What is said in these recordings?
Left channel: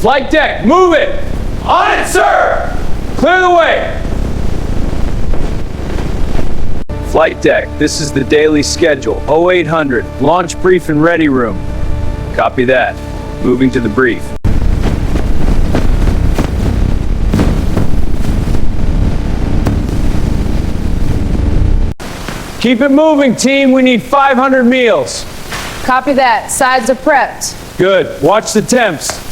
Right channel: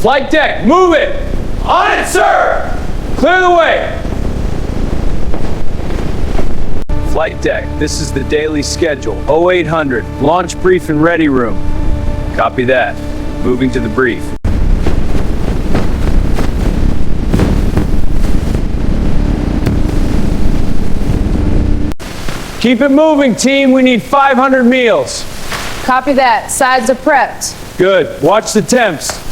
Flight deck, move it! On it, sir! Clear the way! Flight deck, this is the daily schedule. 0800, launch brief and ready room. Copy that. Moving to the brief. Keep it moving, team. We need 500 meals. Copy that. Sides are prepped. Good. Watch the temps.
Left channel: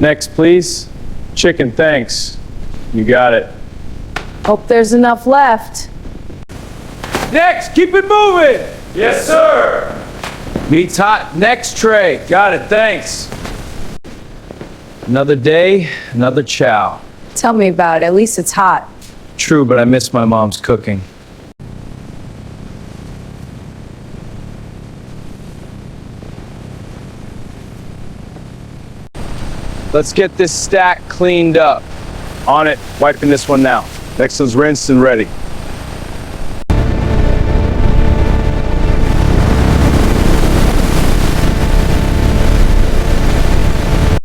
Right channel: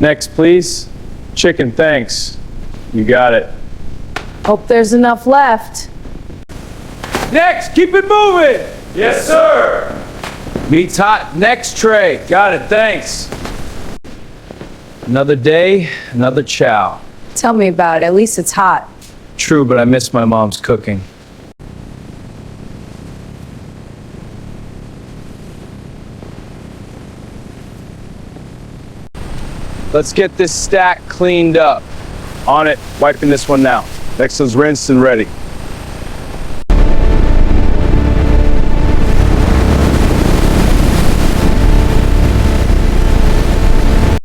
Next, please. Chicken, thanks. You got it. Hope there's enough left. Next, keep it moving. Yes, sir. Meat's hot. Next tray. Got it, thanks. Another day, another chow. Tell me about it. At least it's hot. True, but I miss my mom's cooking. Let's get this stack cleaned up. On it, wiping this one now. Next one's rinsed and ready.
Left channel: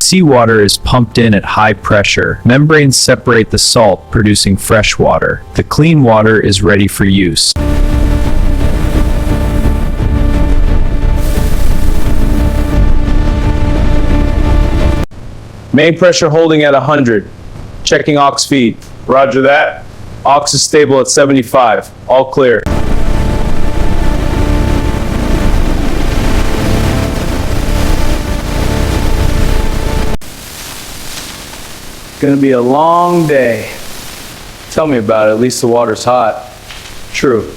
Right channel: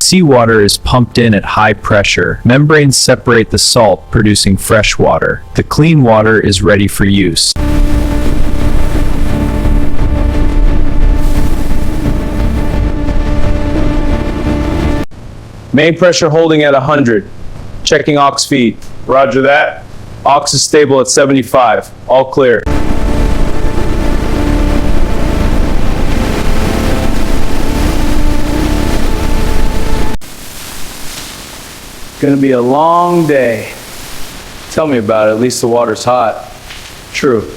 Seawater is pumped in at high pressure. Membranes separate the salt, producing fresh water. The clean water is ready for use. Main pressure holding at 100. Checking aux feed. Roger that. Aux is stable at 75. All clear. Gonna be a long day. Tell me about it. At least the water's hot. True.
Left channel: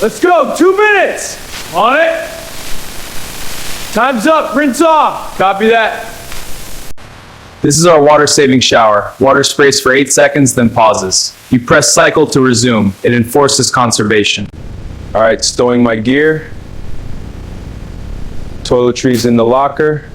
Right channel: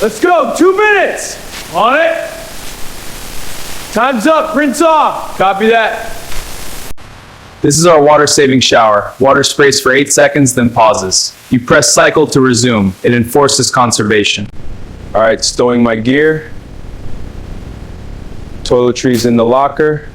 Let's go. 2 minutes. On it. Time's up. Rinse off. Copy that. This is our water-saving shower. Water sprays for 8 seconds, then pauses. You press cycle to resume. It enforces conservation. All right, stowing my gear. Toiletries in the locker.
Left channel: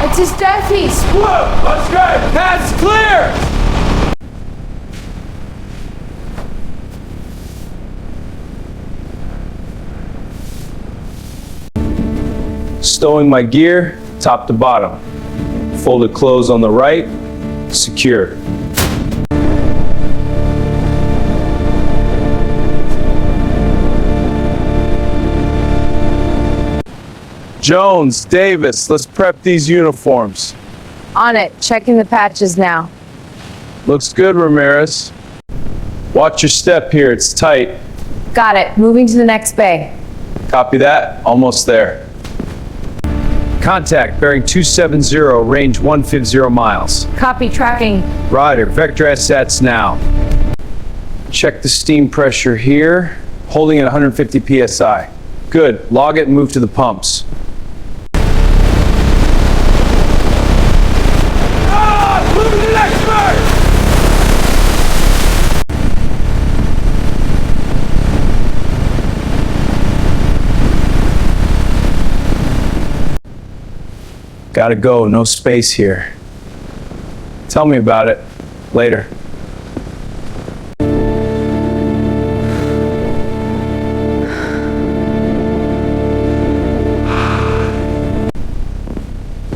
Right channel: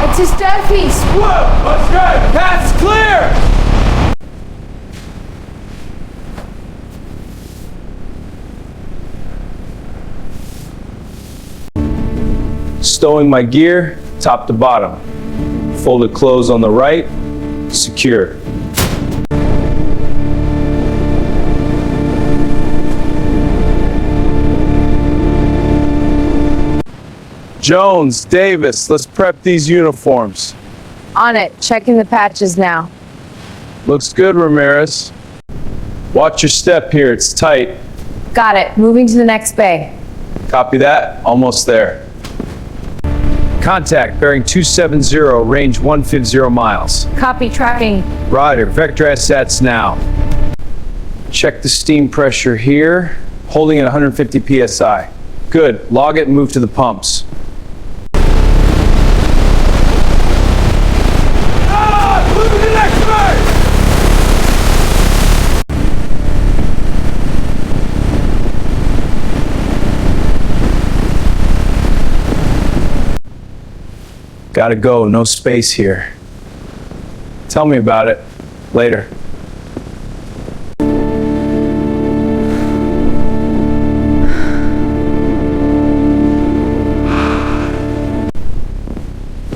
It's a Steffi's. Whoa, let's go. Path's clear. Stowing my gear, top to bottom. Folded clothes on the right, secure. Jones, Davis, let's prep these uniforms. On it. Checking the patches now. Looks good, Ramirez. Watch your step here, it's tight. Got it. Moving to the next bay. Copy that, almost there. Contact, bearing 270, range 150 miles. Copy tracking. Roger, vector assets now. Check the steam pressure here, holding at 150 psi. Good, log it and move to the pumps. Move to the next bird! Gotta go, no space here. Tell me about it later.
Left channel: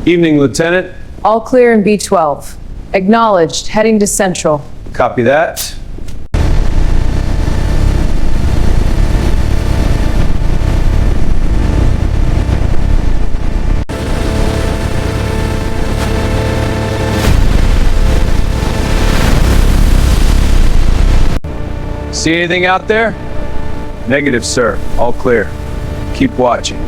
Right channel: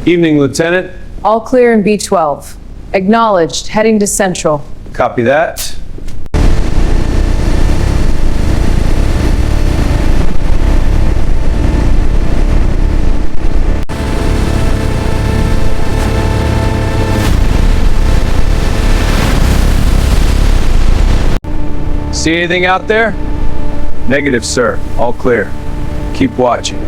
Evening, Lieutenant. All clear in B12. Acknowledged. Heading to Central. Copy that. See anything out there? Negative, sir. All clear. Keep watching.